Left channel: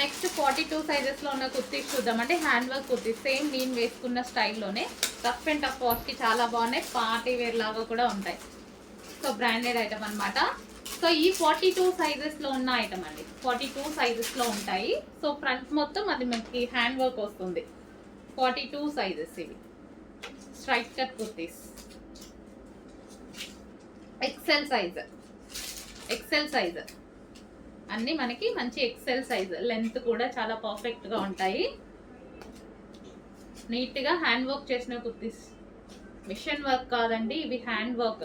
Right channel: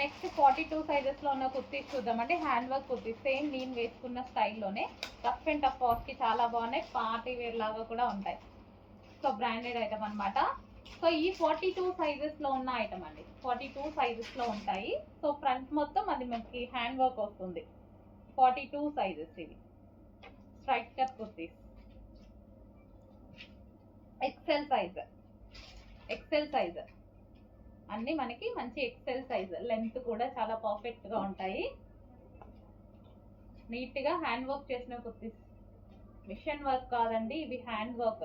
నెక్స్ట్ 42 సైజెస్లో ఉన్న కుర్తీస్ చూద్దాం. అంటే హ్యాండ్ వర్క్ కుర్తీస్ సేమ్ నేను వేసుకున్న స్టైల్లోనే రఫ్ అండ్ టఫ్ కాస్ట్కి చాలా బాగున్నాయి. పార్టీ వేర్ లాగా కూడా ఉంటాయి. సో బ్రాండెడ్ ఐటమ్ అనమాట. సో ఈ 42 సైజెస్లో ఉన్న ఐటమ్ అండి. 42 సైజెస్లో ఉంటాయి. సో ఫ్రంట్ మొత్తం అది మనకి హ్యాండ్ వర్క్ వస్తుంది. 42 సైజెస్ ఇవి straight cut kurtis. XL size అన్నీ మనకి మంచి ఎక్సెల్ సైజ్. లెంత్ కూడా చాలా పర్ఫెక్ట్గా ఉంటాయి. నీట్గా హ్యాండ్ వర్క్ చేసిన కుర్తీస్. మిషన్ వర్క్ కాదండి, ఇవి హ్యాండ్ వర్క్.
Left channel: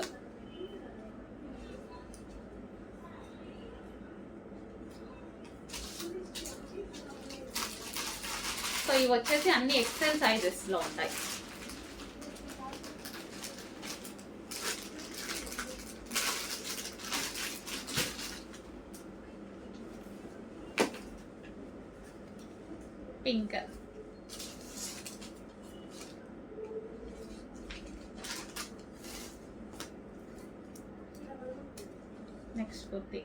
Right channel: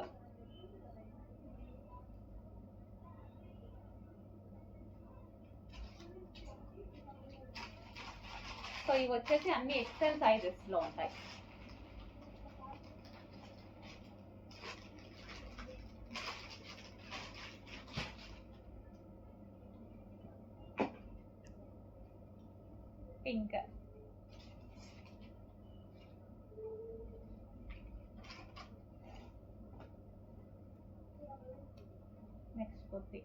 సో ఇవి వచ్చేసి అన్ని ఎక్సెల్ సైజెస్లో ఉంటాయి. Pink, next kurti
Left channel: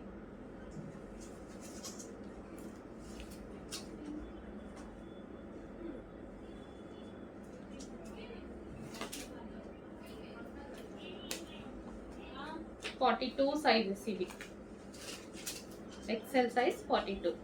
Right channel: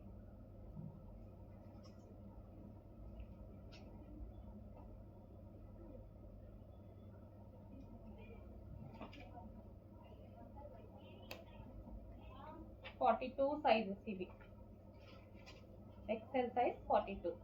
$42 sizes. ఇవి ఎక్సెల్ సైజ్ 42.